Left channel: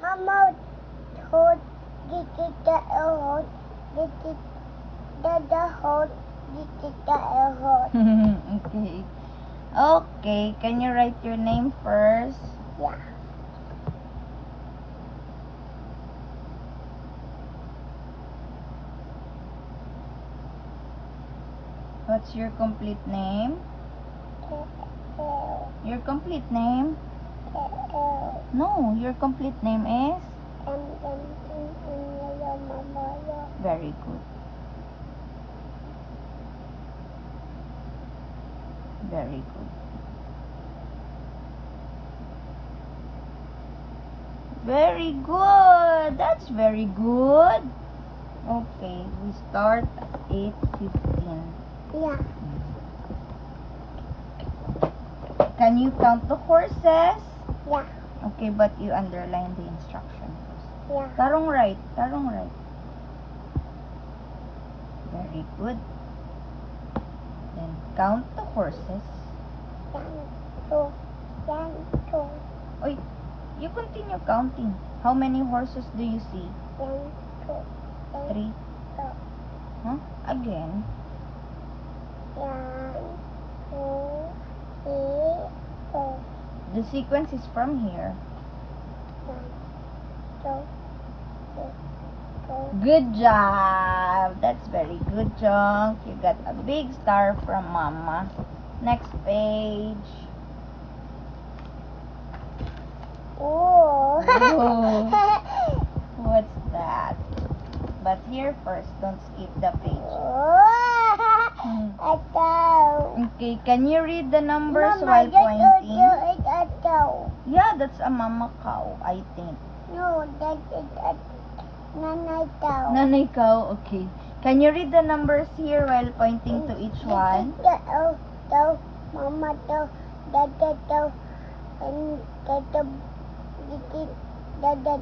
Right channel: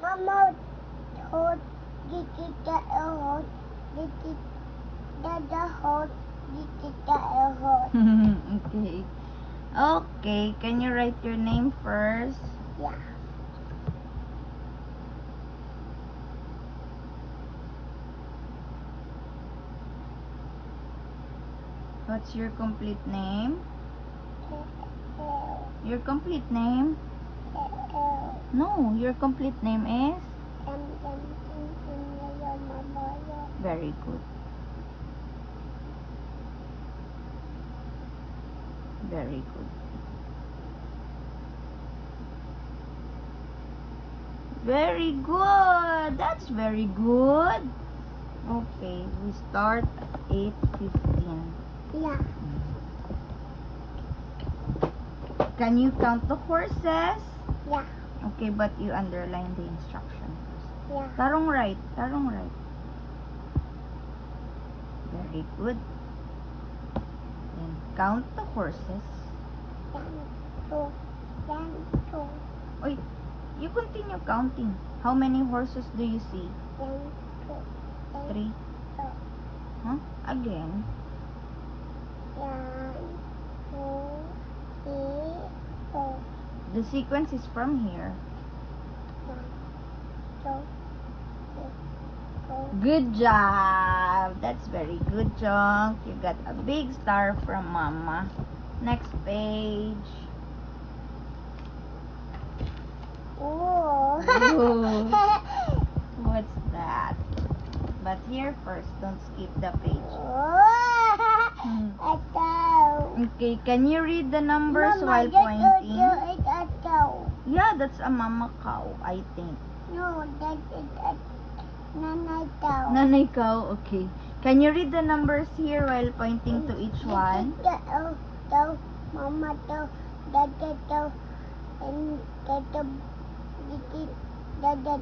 Mama hold the hold the hold the hold. Okay. Okay, can you write your name first? Yeah. What's your complete name? Your complete name? No, your complete name is? Very good. Very good. Very good. That's very good. Okay, we start 8:15. Yeah. Can you count the horses? Yeah. Okay, but you underline the instructions. Yeah. Tarong right. Tarong right. Very good. Then count the horses. 1, 2, 1, 2, Oy, you continue counting. How many horses do you see? 1, 2, 3. 4. Huh? Again. 1, 2, 3, 4. The sequence is from here. 1, 2, 3, 4. Good job. That's very good, Junk. You got a big star from Mama. Next page. Oh. Oh, what's that? But here first, don't skip the page. Okay, can you read the numbers while pointing? Yeah, that's a mama cow, I think. No, that is a nanay cow. Nanay cow, okay. Can you read the numbers here while pointing to each one? Mama cow, dada cow, and dada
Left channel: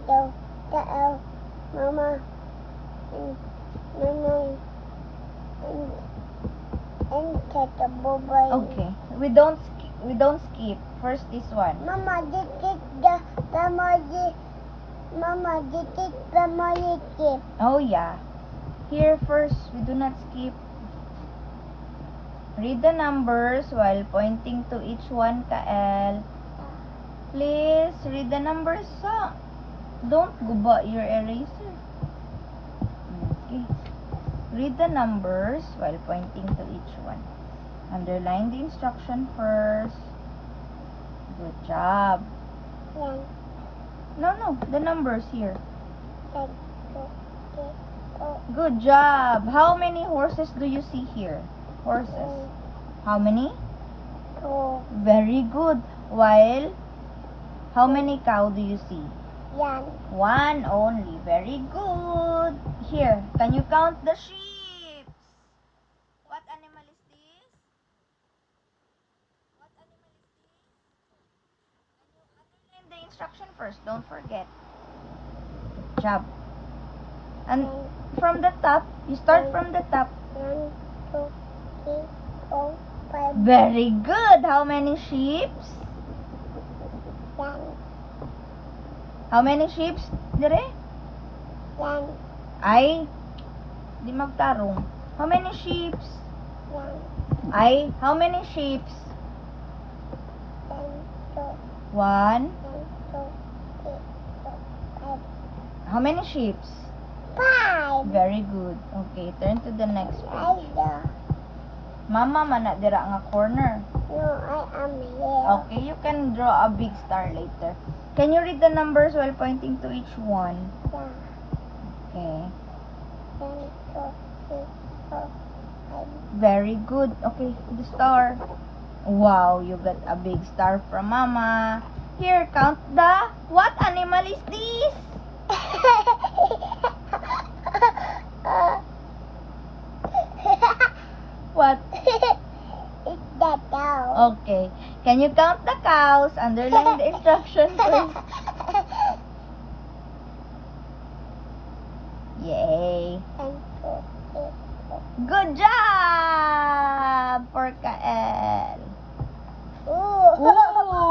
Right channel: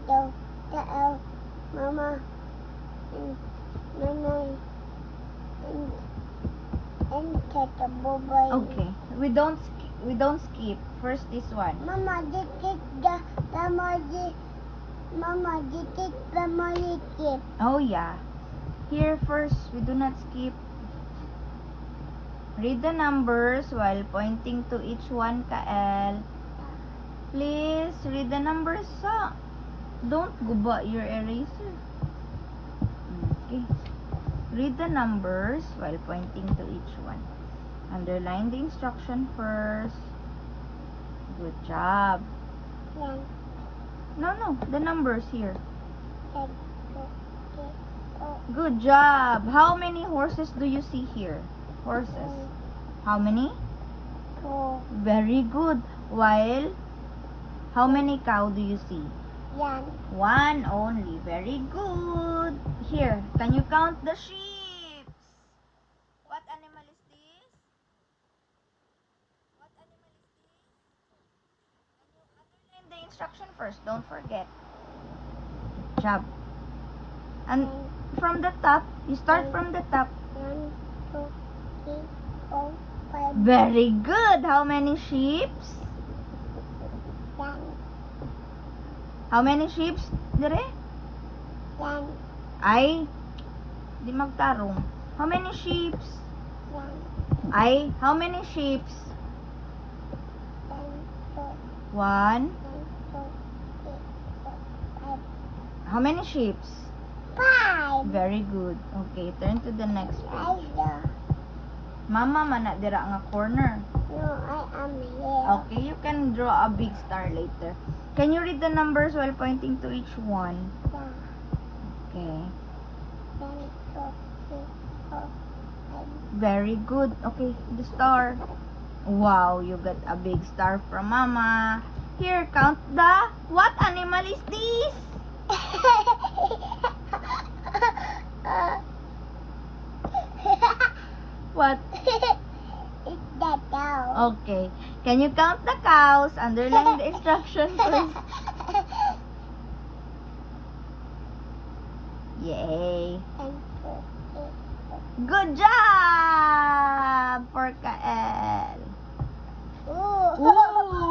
cow, mama, and nanay, and dada boboy. Okay, we don't skip. First this one. Mama, this is the family. Mama, this is family gift. Oh yeah. Here first, we do not skip. Read the numbers while pointing to each one, Kael. Please, read the numbers. Don't guba your eraser. Okay. Read the numbers while pointing to each one. Underline the instruction first. Good job. No, the numbers here. 1, 2, 3, 4. Good job. How many horses do you see here? Horses. How many? 2. Very good. While, how many cow do you see? Yan. One only. Very good. Here, can you count the sheep? What animal is this? What animal is this? Underline the instruction first. Don't forget. Good job. And from the top, you start from the top. 1, 2, 3, 4, 5. Very good. How many sheep? Yan. How many sheep? Dire? Yan. Ay, di magtarong. How many sheep? Yan. Ay, how many sheep? 1, 2, 1. 1, 2, 3, 4, 5. How many sheep? 5. Very good. Okay, turn to the next page. Mama mana dira nga corner. No, I am here. Okay, you can draw a big star later. Can you read the numbers while pointing to each one? Okay. 1, 2, 3, 4, 5. Very good. Okay, the star. Wow, you got a big star from Mama. Here, count the... What animal is this? What? It's the cow. Okay. Can you count the cows? Underline the instructions. Yay. 1, 2, 3, 4. Good job for Kael. Ooh. Ooh.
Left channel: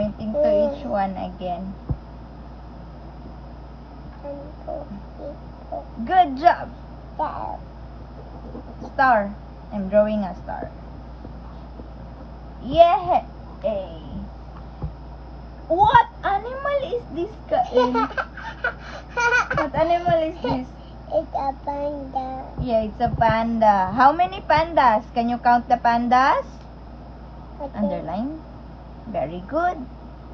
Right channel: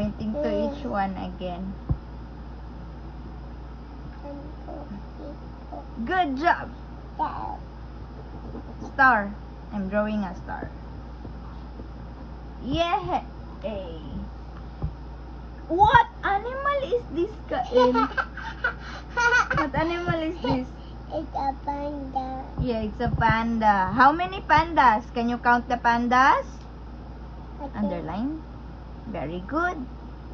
pointing to each one again. Good job. Star. I'm drawing a star. Yeah. What animal is this, Kael? What animal is this? It's a panda. Yeah, it's a panda. How many pandas? Can you count the pandas? Okay. Underline. Very good.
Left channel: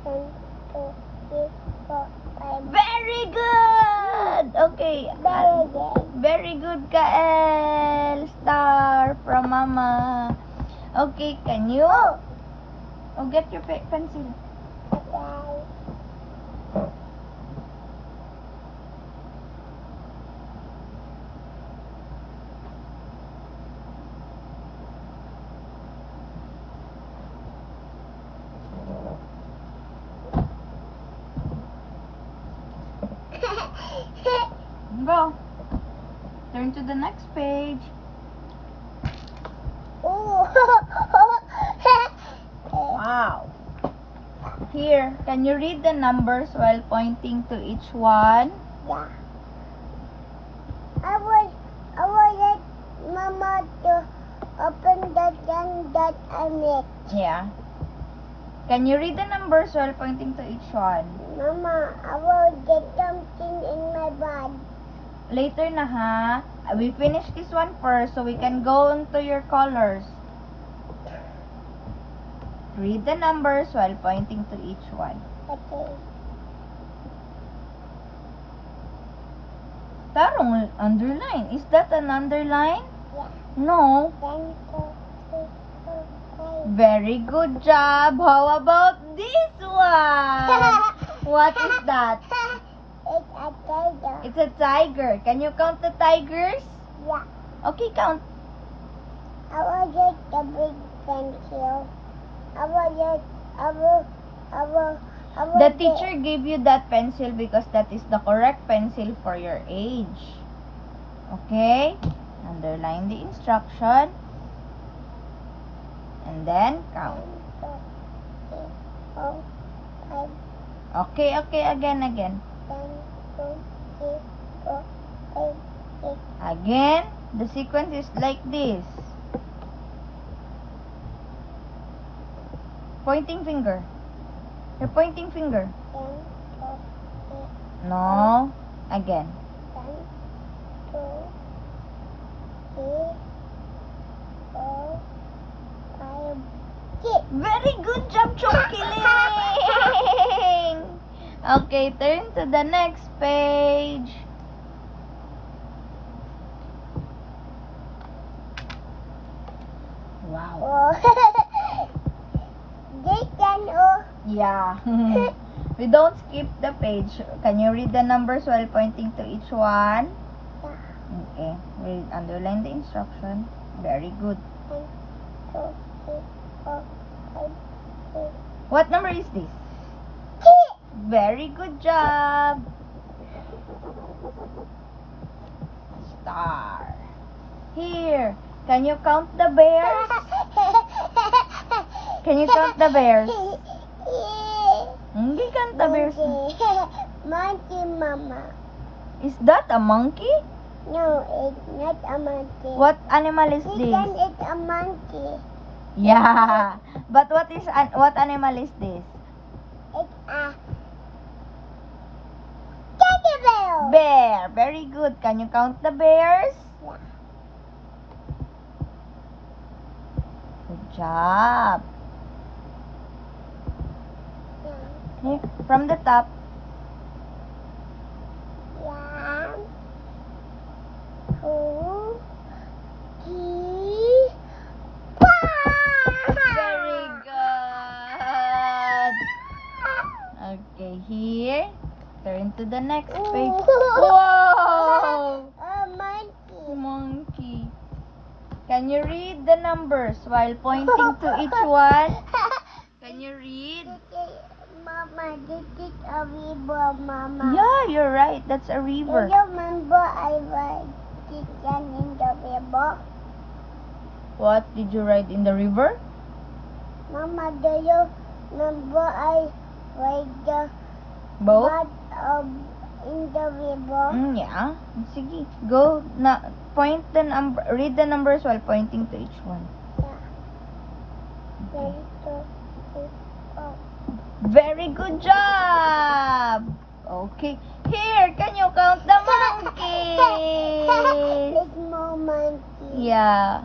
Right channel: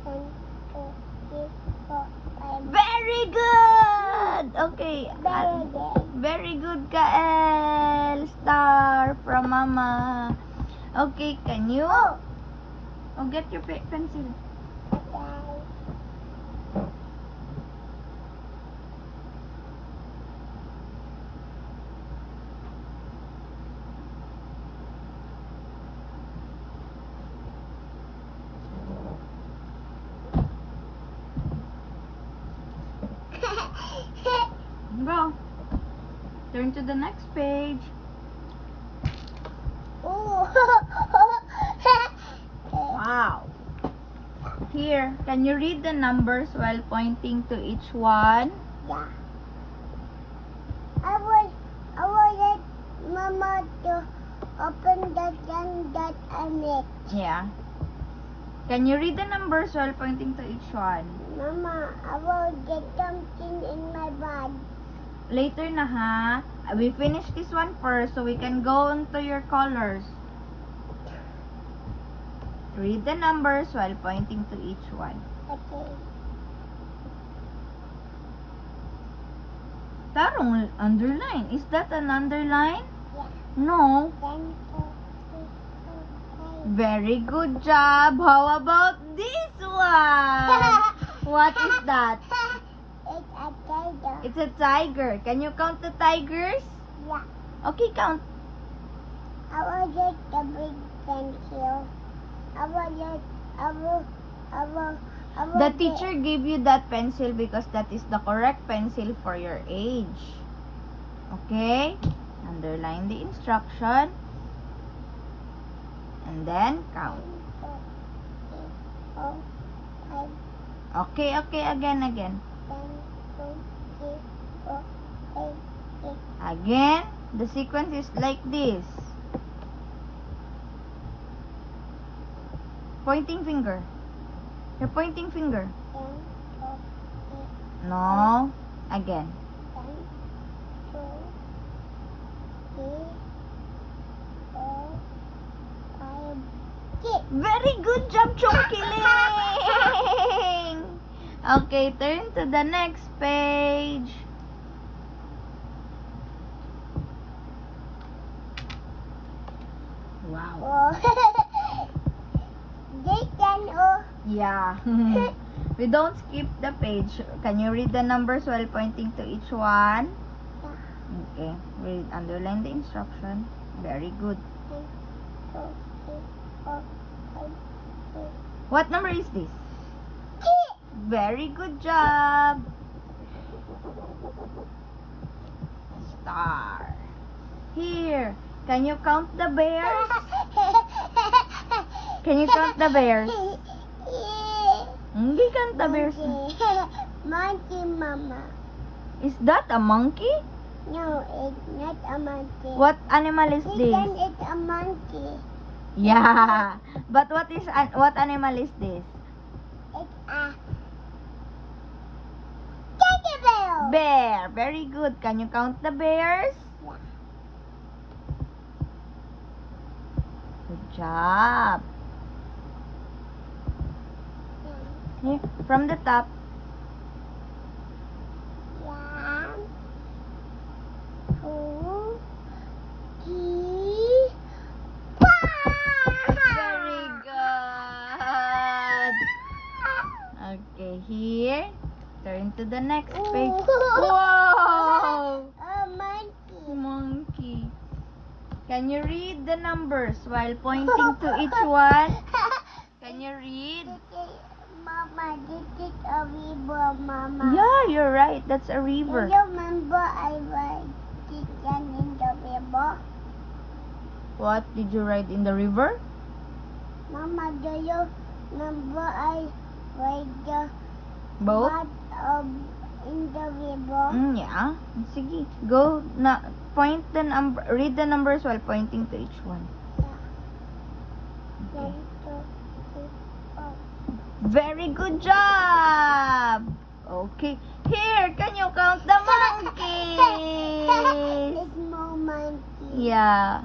1, 2, 3, 4, 5. Very good. Okay. Very good. Very good, Kael. Star from Mama. Okay, can you? Oh, get your pencil. Go. Turn to the next page. Ooh. Wow. Here, can you read the numbers while pointing to each one? Yeah. I will let Mama to open the gun that I made. Yeah. Can you read the numbers while pointing to each one? Mama, I will get something in my bag. Later na ha. We finish this one first so we can go into your colors. Read the numbers while pointing to each one. Okay. Tarong underline. Is that an underline? Yeah. No. 1, 2, 3, 4, 5. Very good job. How about this one? What is that? It's a tiger. It's a tiger. Can you count the tigers? Yeah. Okay, count. I will get the big pencil. The I will teacher gave you that pencil because that is the correct pencil for your age. Okay? Underline the instruction. And then count. 1, 2, 3, 4, 5. Okay, again. 1, 2, 3, 4, 5, 6. Again, the sequence is like this. Pointing finger. Your pointing finger. 1, 2, 3, No. Again. 1, 2, 3, 4, 5, 6. Very good job, Chongkiling! Okay, turn to the next page. Wow. Oh. This can all. Yeah. We don't skip the page. Can you read the numbers while pointing to each one? Okay. Read, underline the instruction. Very good. 1, 2, 3, 4, 5, 6. What number is this? Very good job. Star. Here. Can you count the bears? Can you count the bears? Hindi count the bears. Monkey, Mama. Is that a monkey? No, it's not a monkey. What animal is this? It's a monkey. Yeah. But what animal is this? It's a teddy bear. Bear. Very good. Can you count the bears? Yeah. Good job. Yeah. Here, from the top. 1, 2, 3, 4. Very good. Okay, here. Turn to the next page. Whoa! A monkey. Monkey. Can you read the numbers while pointing to each one? Can you read? Mama, this is a river, Mama. Yeah, you're right. That's a Do river. you remember I ride chicken in the river? What did you ride in the river? Mama, number I ride the Boat? in the river. Yeah. Sige. Go. Read the numbers while pointing to each one. One, two, three, four. Very good job! Okay. Here, can you count the monkeys? It's more monkey. Yeah.